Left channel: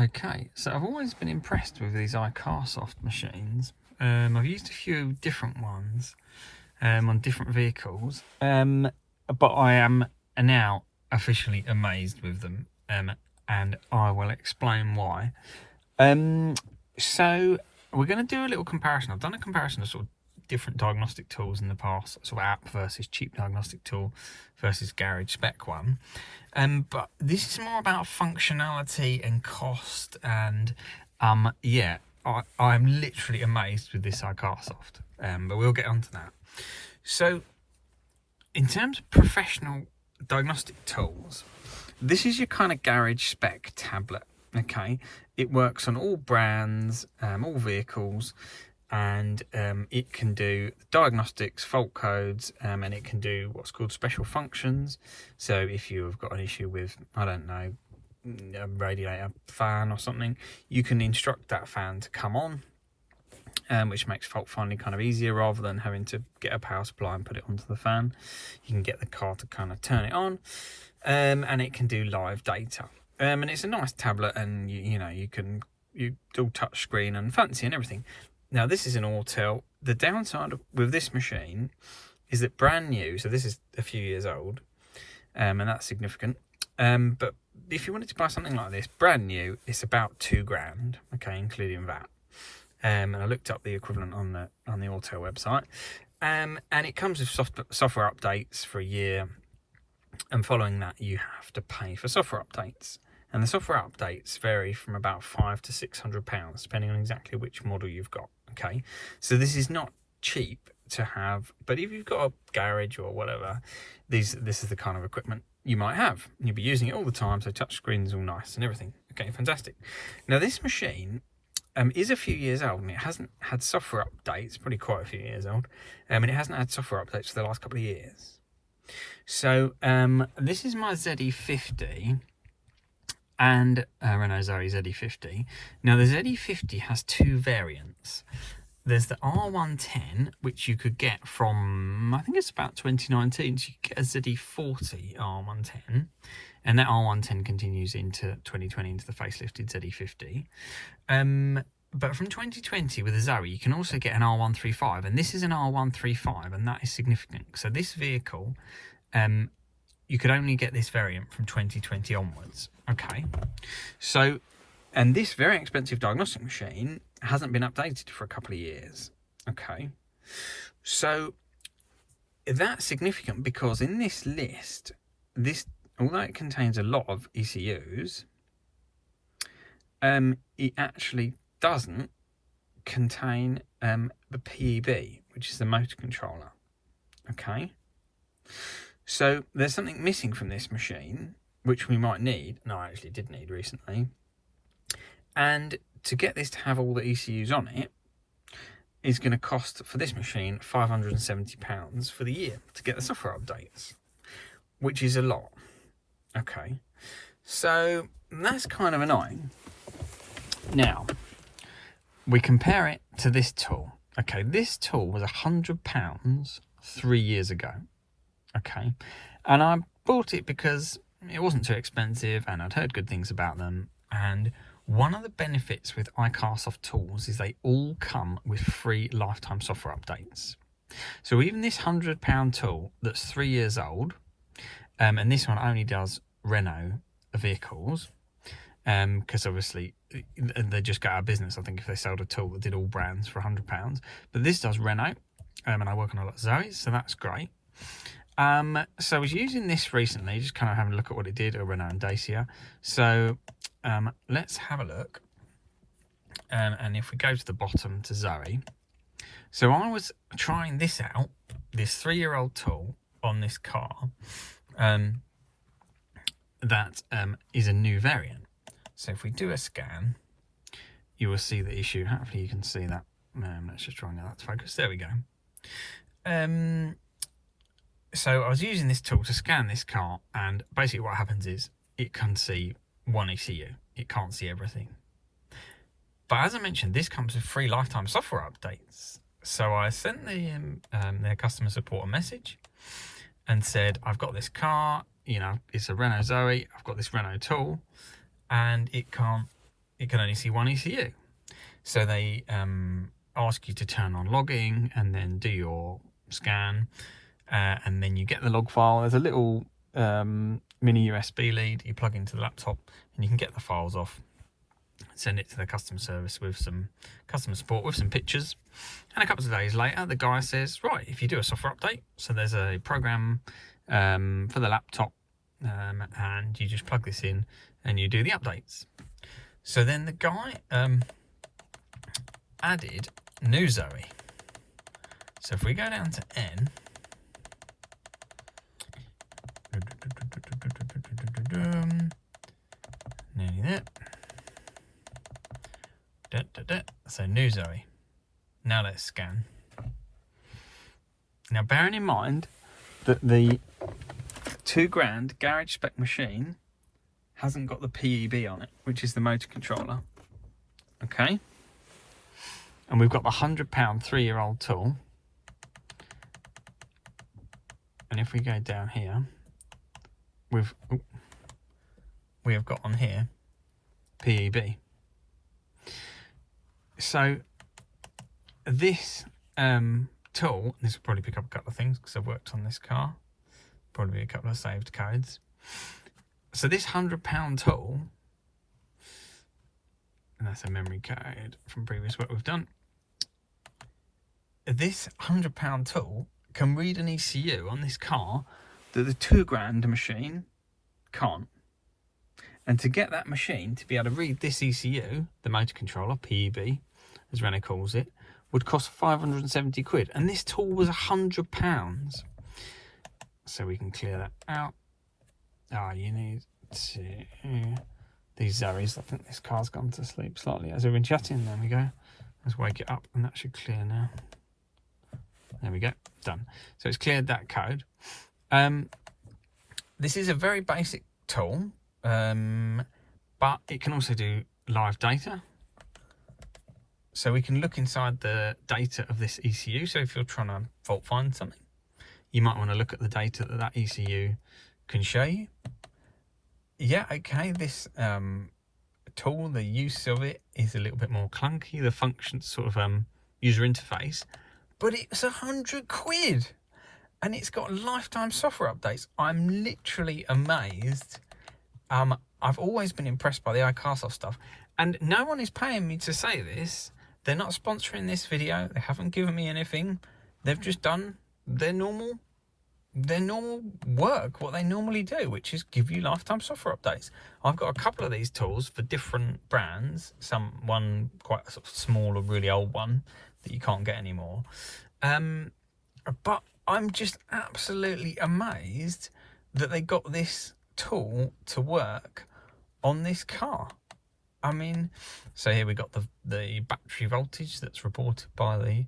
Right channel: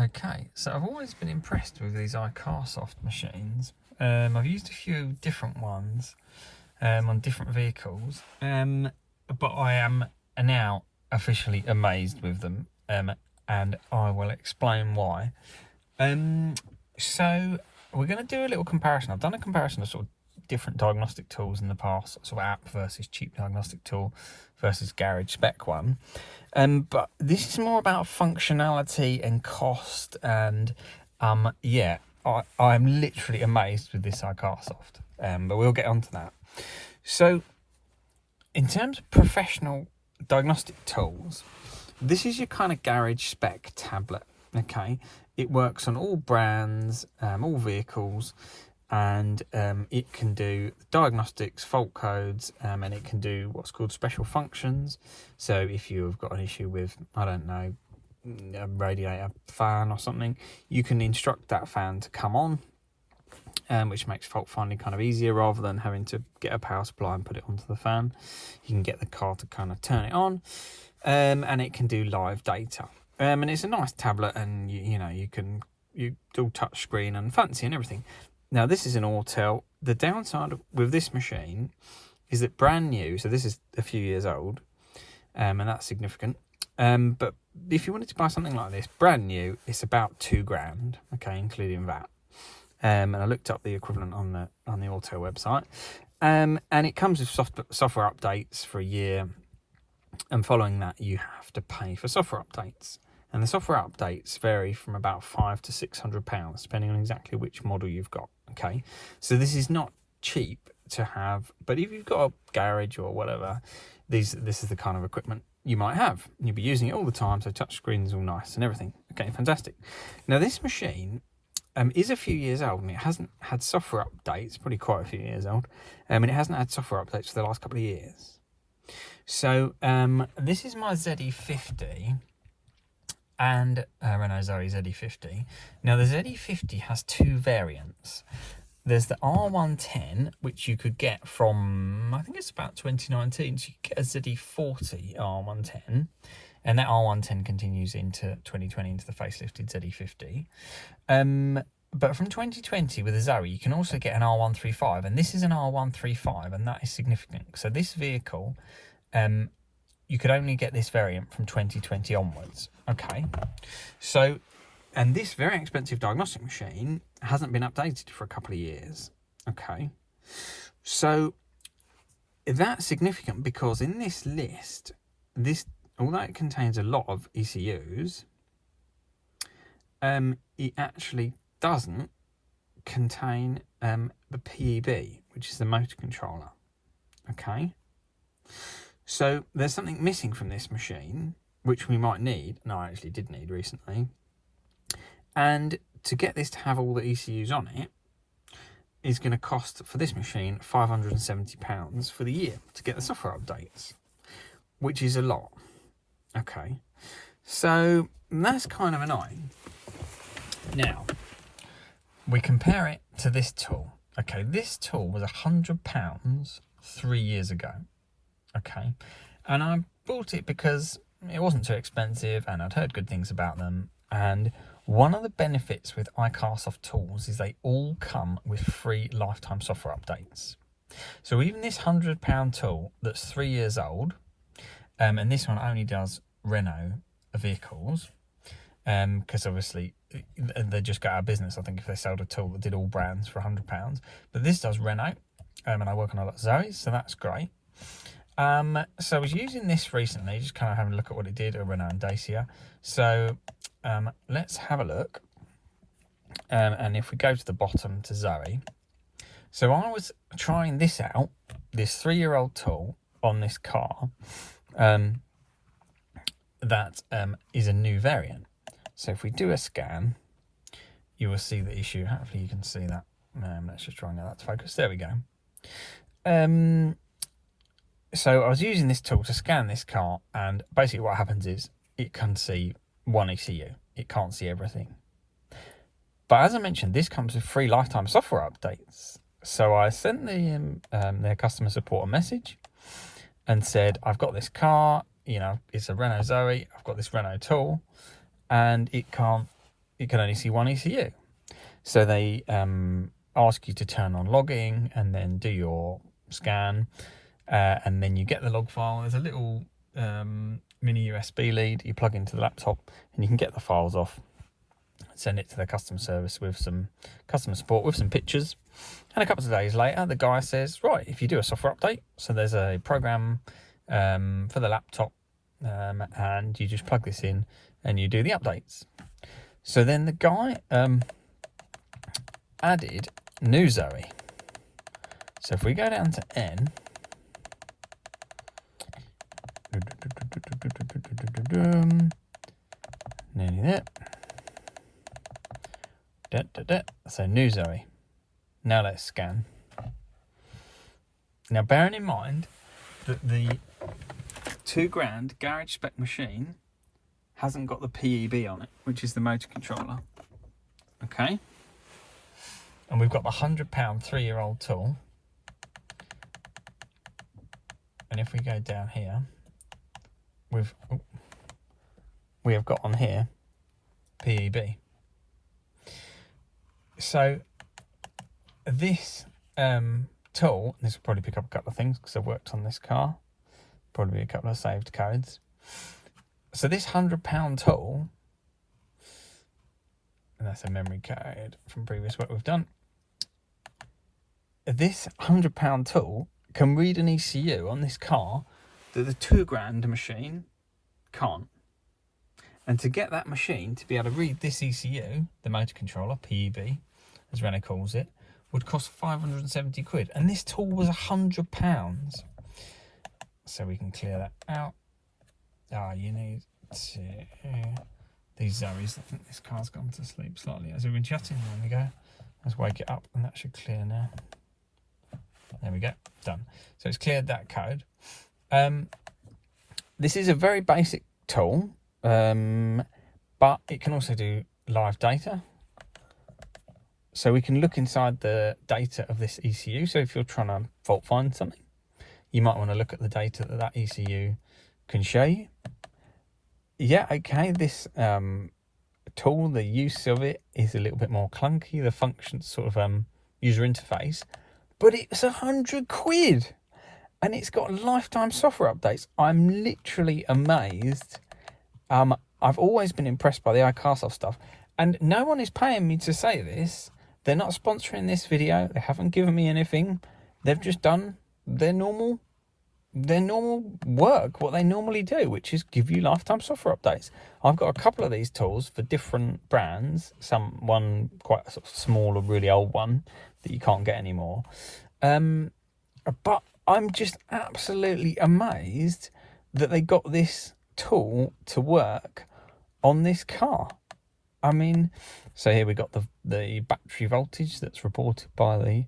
Okay, so I've always been impressed with these Icarsoft machines. I've used a few different ones on different vehicles, but I am now officially amazed with them, and I will explain why. So we're going to do a little comparison. I've done a comparison of sort of different diagnostic tools in the past, sort of app versus cheap diagnostic tool versus garage spec one. But this is more about functionality and cost, and yeah, I'm literally amazed with this Icarsoft. But we'll get onto that. So, in terms of professional diagnostic tools, this is your kind of garage spec tablet. Okay, it works on all brands, all vehicles, and it can do diagnostics, fault codes, and it can do what's called special functions. So if you've got an issue with, I don't know, a radiator fan or something, you can instruct that fan to come on, which makes fault finding kind of easier rather than having to get a power supply and put it onto the fan. You can get the car to kind of turn it on, and it can do live data. And it's a nice tablet, and you do touch screen and fancy and everything. Now, this is an Autel. The downside with this machine is that brand new, so this is a few years old, and that's significant. But if you wanted to buy something like this, brand new, it's about £2,000, okay, including VAT. And I looked up the equivalent on the Autel website, and it comes with software updates for a year, and following that, you have to pay for software updates. And the software updates vary from about £500 to £600, depending on exactly which model you've got. Okay, so this is not cheap to have, but if you've got a garage or whatever, this is the kind of equipment you might have. You'll be using it all the time, so touch screen's all nice and everything. Okay, fantastic. Now, this machine is a few years old, and it hasn't had software updates, probably quite a few years old, and it hasn't had software updates for the last couple of years. So this is my ZE50. And Renault Zoe ZE50. Now, the ZE50 has two variants. There's the R110, which you could get from, I think it's about 2019. So you could get a ZE40 R110. And that R110 continues into 2020 into the facelifted ZE50. But from 2020 with the Zoe, you can also get an R135. And this is an R135, and that is significant. So this vehicle, you could only get this variant from 2020 onwards. Okay, so, and this very expensive diagnostic machine hasn't been updated for a couple of years. Okay, so that's significant because in this list, although it contains a lot of ECUs, it actually doesn't contain the PEB, which is the motor controller. Okay. So there's something missing from this machine, which we might need, and I actually did need recently. And to get this to have all the ECUs on it is going to cost, for this machine, £570 for the year to get the software updates, which is a lot. Okay, so that's kind of annoying. Now, we compare it to this tool. Okay, this tool was £100 3 years ago. Okay, and I bought it because it wasn't too expensive and I'd heard good things about them. And one of the benefits with Icarsoft tools is they all come with free lifetime software updates. So even this £100 tool that's 3 years old, and this one only does Renault vehicles, because obviously they just got out of business, I think, if they sold a tool that did all brands for £100. But this does Renault, and I work on a lot of Zoes, so that's great. So I was using this recently, just kind of having a look at what it did, a Renault and Dacia. So let's have a look. And if we go to the bottom to Zoe. So I was trying this out, this 3-year-old tool on this car. That is a new variant. So if we do a scan, you will see the issue. Hopefully you can see that. Let's just try and get that to focus. There we go. So I was using this tool to scan this car, and basically what happens is it can see one ECU. It can't see everything. But as I mentioned, this comes with free lifetime software updates. So I sent their customer support a message and said, I've got this car, it's a Renault Zoe, I've got this Renault tool, and it can't you can only see one ECU. So they ask you to turn on logging and then do your scan, and then you get the log file. There's a little mini USB lead you plug into the laptop, and you can get the files off, send it to the customer service with some customer support with some pictures. And a couple of days later, the guy says, right, if you do a software update, so there's a program for the laptop, and you just plug this in and you do the updates. So then the guy added new Zoe. So if we go down to N, nearly there. So new Zoe. Now let's scan. Now bearing in mind that the £2,000 garage spec machine hasn't got the PEB on it, which is the motor controller. Okay. And we've got the £100 3-year-old tool. And if we go down here, we have got on here PEB. So this tool, this will probably pick up a couple of things because I've worked on this car, probably a couple of saved codes. So this £100 tool, and that's a memory code from previous work we've done. This £100 tool can read an ECU on this car that the £2,000 machine can't. And to get that machine to be able to read this ECU, the motor controller, PEB, as Renault calls it, would cost 570 quid. And this tool was £100. So we can clear that out. You need to... These Zoes, I think this car's gone to sleep slightly as we've been chatting. There we go. Let's wake it up and that should clear now. There we go, done. So it's cleared that code. This is a very basic tool, but it can also do live data. So we can look inside the data of this ECU. So if you're trying to fault find something, you might want to look at the data that that ECU can show you. Yeah, okay, this tool, the use of it is a little bit more clunky. The function sort of user interface, but it's 100 quid and it's got lifetime software updates. I'm literally amazed. I've always been impressed by the Icarsoft stuff, and no one is paying me to say this. They're not sponsoring this video. They haven't given me anything. They've just done their normal work, what they normally do, which is give you lifetime software updates. I've got a couple of these tools for different brands. One quite a sort of small or really old one that you can't get anymore. But I'm just absolutely amazed that they got this tool to work on this car. I mean, so here we got the battery voltage that's reported by the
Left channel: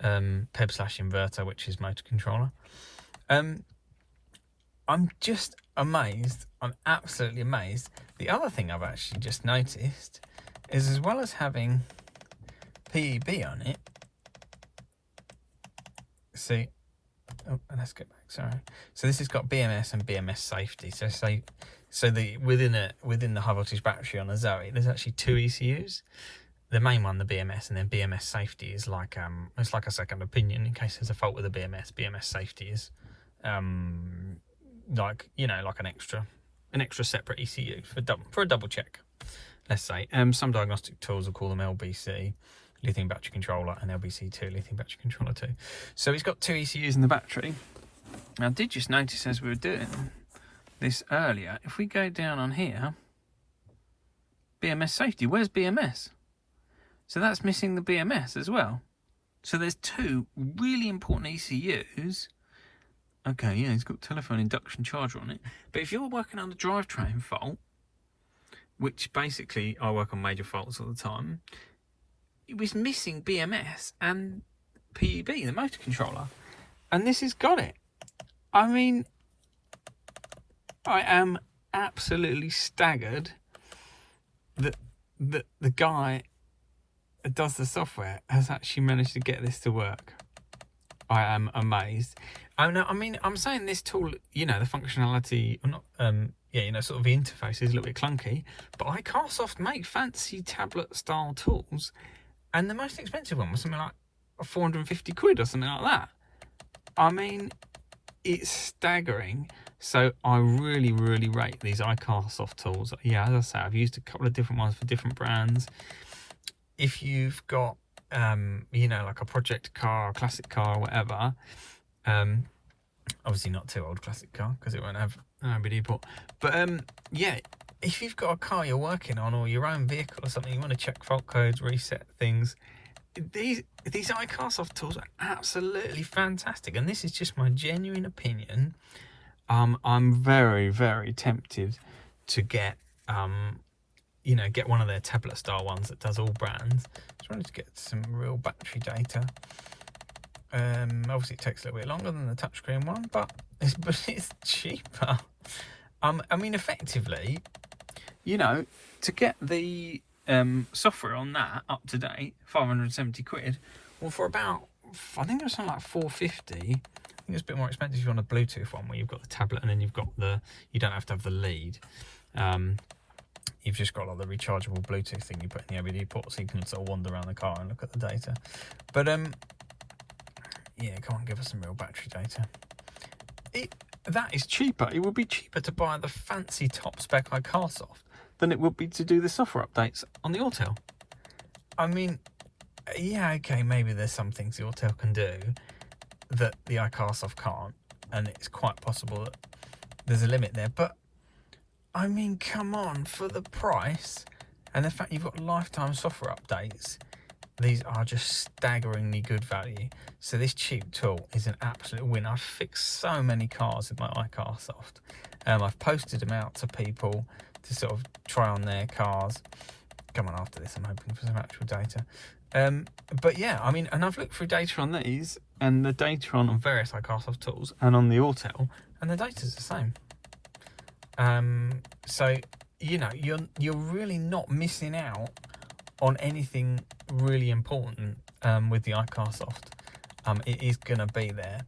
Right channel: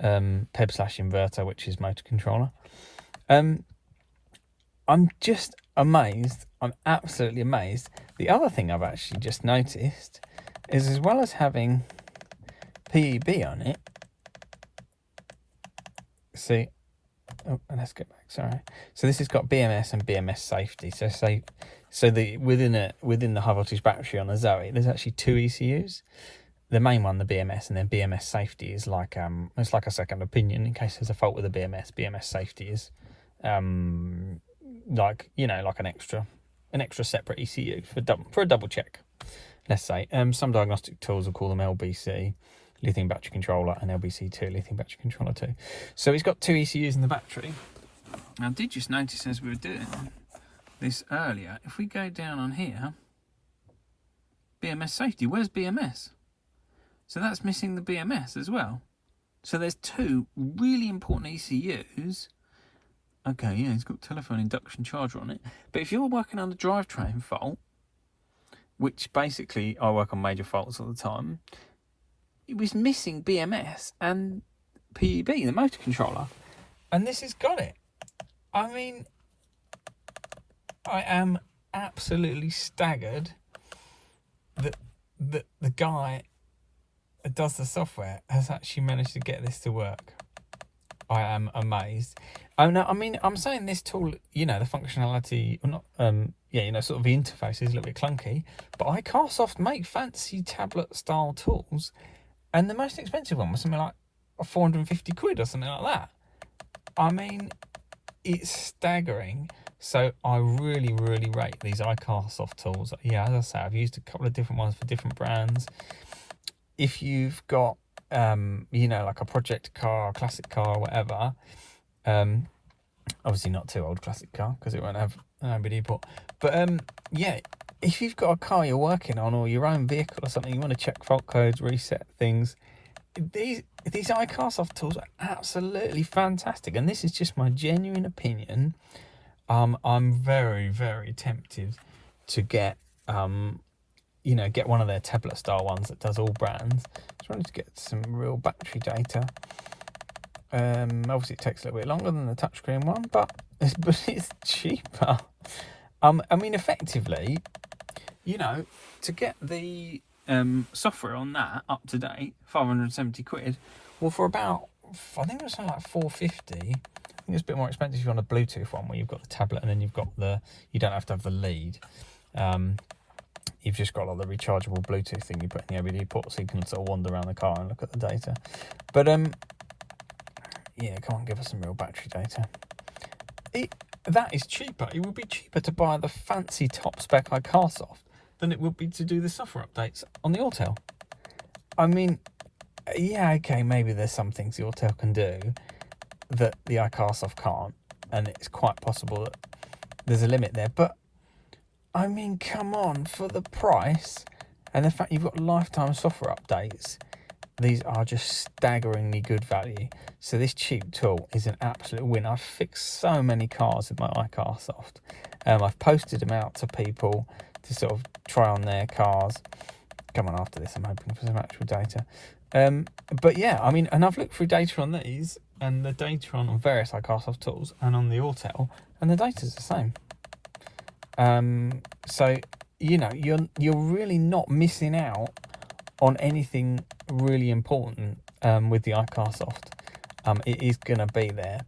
PEB/inverter, which is motor controller. I'm just amazed. I'm absolutely amazed. The other thing I've actually just noticed is, as well as having PEB on it, see, let's get back, sorry. So this has got BMS and BMS safety. So within the high voltage battery on a Zoe, there's actually two ECUs. The main one, the BMS, and then BMS safety is like it's like a second opinion in case there's a fault with the BMS. BMS safety is like an extra separate ECU for a double check. Let's say some diagnostic tools will call them LBC, lithium battery controller, and LBC2, lithium battery controller 2. So it's got two ECUs in the battery. Now I did just notice as we were doing this earlier, if we go down on here, BMS safety, where's BMS? So that's missing the BMS as well. So there's two really important ECUs. Okay, yeah, it's got telephone induction charger on it. But if you're working on the drivetrain fault, which basically I work on major faults all the time, it was missing BMS and PEB, the motor controller. And this has got it. I mean, I am absolutely staggered that the guy that does the software has actually managed to get this to work. I am amazed. Oh no, I mean, I'm saying this tool, you know, the functionality, or not, yeah, you know, sort of the interface is a little bit clunky, but Icarsoft make fancy tablet style tools, and the most expensive one was something like 450 quid or something like that. I mean, it's staggering. So I really, really rate these Icarsoft tools. Yeah, as I say, I've used a couple of different ones for different brands. If you've got, you know, like a project car, a classic car, or whatever, obviously not too old classic car because it won't have an OBD port. But yeah, if you've got a car you're working on or your own vehicle or something, you want to check fault codes, reset things. These Icarsoft tools are absolutely fantastic, and this is just my genuine opinion. I'm very, very tempted to get you know, get one of their tablet style ones that does all brands. Just wanted to get some real battery data. Obviously it takes a little bit longer than the touchscreen one, but it's cheaper. I mean, effectively, you know, to get the software on that up to date, 570 quid. Well, for about, I think it was something like 450. I think it's a bit more expensive if you're on a Bluetooth one where you've got the tablet and then you've got you don't have to have the lead. You've just got like the rechargeable Bluetooth thing you put in the OBD port, so you can sort of wander around the car and look at the data. But yeah, come on, give us some real battery data. That is cheaper. It would be cheaper to buy the fancy top spec Icarsoft than it would be to do the software updates on the Autel. I mean, yeah, okay, maybe there's some things the Autel can do that the Icarsoft can't, and it's quite possible that there's a limit there, but I mean, come on, for the price and the fact you've got lifetime software updates, these are just staggeringly good value. So this cheap tool is an absolute win. I've fixed so many cars with my Icarsoft. I've posted them out to people to sort of try on their cars. Come on, after this, I'm hoping for some actual data. But yeah, I mean, and I've looked through data on these and the data on various Icarsoft tools and on the Autel, and the data's the same. So, you know, you're really not missing out on anything really important with the Icarsoft. It is going to be there.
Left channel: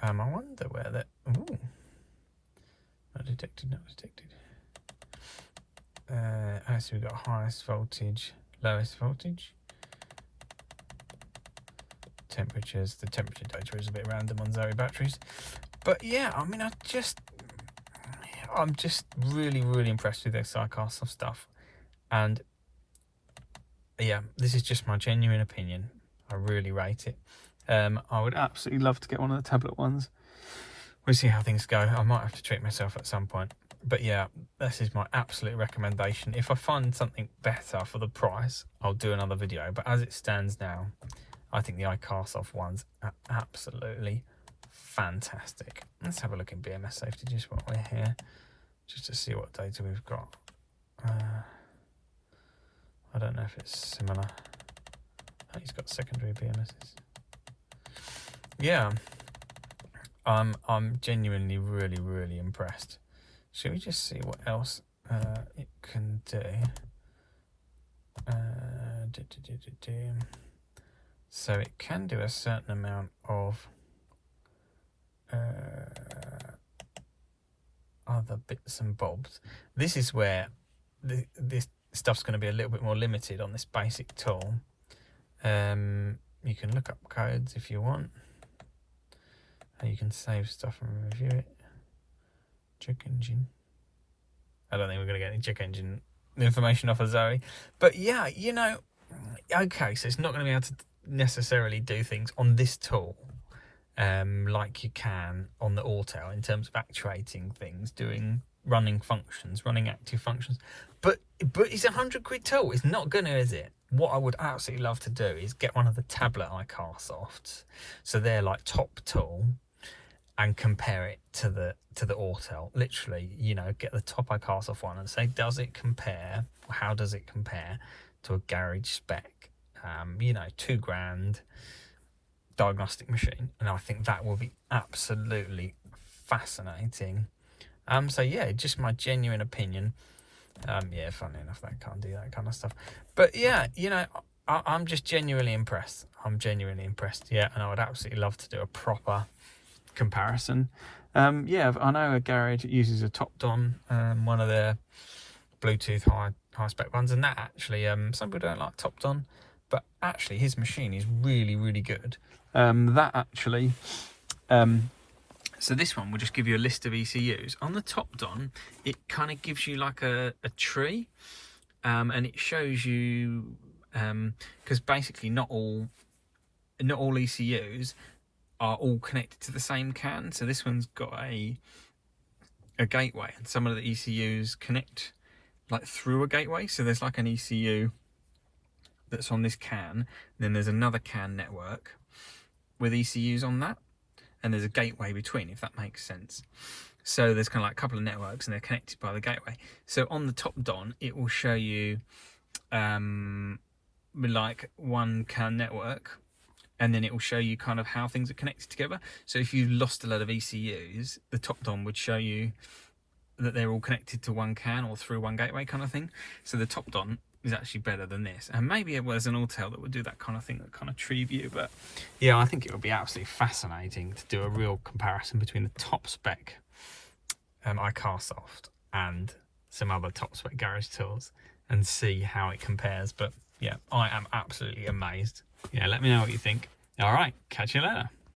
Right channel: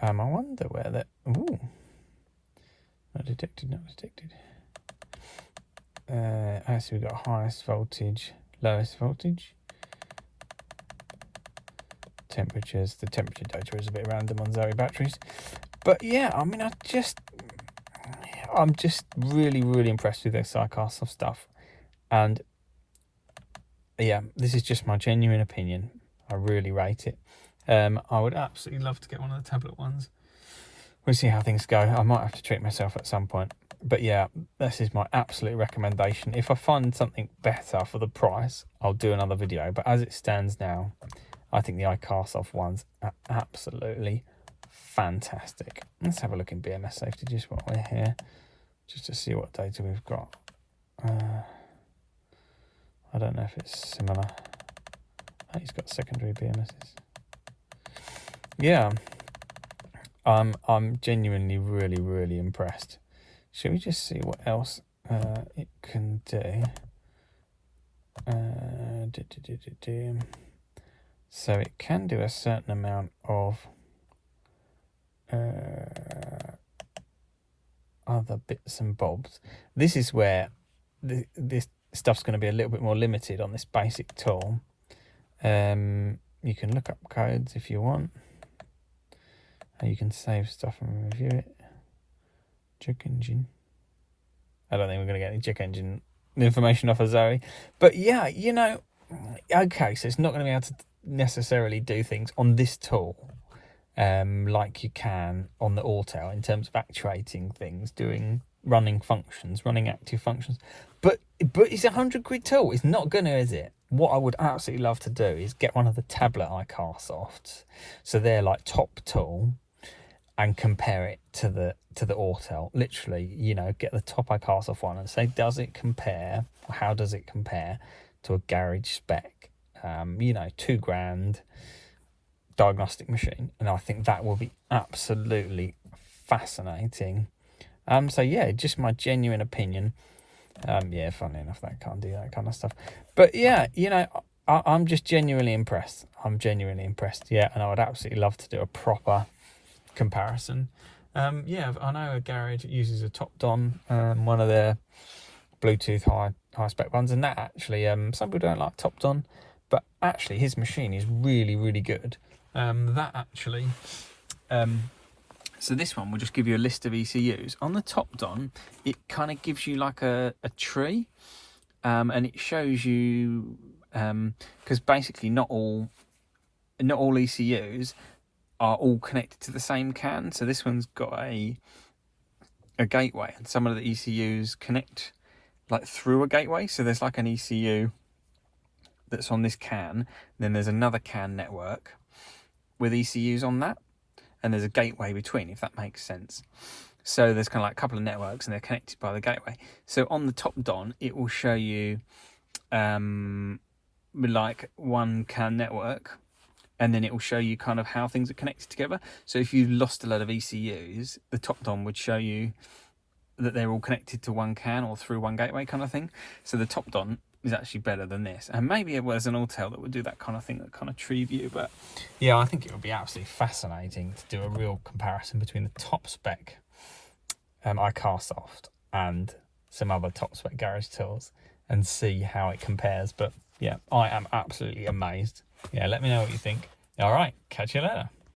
I wonder where that... Ooh. Not detected. So we've got highest voltage, lowest voltage. Temperatures. The temperature data is a bit random on Zoe batteries. But yeah, I mean, I'm just really, really impressed with this Icarsoft stuff. And yeah, this is just my genuine opinion. I really rate it. I would absolutely love to get one of the tablet ones. We'll see how things go. I might have to treat myself at some point. But yeah, this is my absolute recommendation. If I find something better for the price, I'll do another video. But as it stands now, I think the Icarsoft ones are absolutely fantastic. Let's have a look in BMS safety just while we're here, just to see what data we've got. I don't know if it's similar. Oh, he's got secondary BMSs. Yeah, I'm genuinely really, really impressed. Should we just see what else it can do? So it can do a certain amount of other bits and bobs. This is where this stuff's going to be a little bit more limited on this basic tool. You can look up codes if you want. And you can save stuff and review it. Check engine. I don't think we're going to get any check engine information off of Zoe. But yeah, you know, okay, so it's not going to be able to necessarily do things on this tool like you can on the Autel in terms of actuating things, running functions, running active functions. But it's £100 tool. It's not going to, is it? What I would absolutely love to do is get one of the tablet Icarsofts, so they're like top tool, and compare it to the Autel. Literally, you know, get the top Icarsoft one and say, does it compare? How does it compare to a garage spec? You know, £2,000 diagnostic machine, and I think that will be absolutely fascinating. So yeah, just my genuine opinion. Yeah, funnily enough, that can't do that kind of stuff. But yeah, you know, I'm just genuinely impressed. I'm genuinely impressed. Yeah, and I would absolutely love to do a proper comparison. Yeah, I know a garage uses a top-don, one of their Bluetooth high spec ones, and that actually, some people don't like top-don, but actually his machine is really, really good. That actually, so this one will just give you a list of ECUs. On the top-don, it kind of gives you like a tree, and it shows you, because basically not all ECUs are all connected to the same CAN. So this one's got a gateway, and some of the ECUs connect like through a gateway. So there's like an ECU that's on this CAN, then there's another CAN network with ECUs on that, and there's a gateway between, if that makes sense. So there's kind of like a couple of networks and they're connected by the gateway. So on the top-don, it will show you like one CAN network, and then it will show you kind of how things are connected together. So if you've lost a lot of ECUs, the top-don would show you that they're all connected to one CAN or through one gateway kind of thing. So the top-don is actually better than this. And maybe it was an Autel that would do that kind of thing, that kind of tree view. But yeah, I think it would be absolutely fascinating to do a real comparison between the top spec Icarsoft and some other top spec garage tools and see how it compares. But yeah, I am absolutely amazed. Yeah, let me know what you think. All right, catch you later.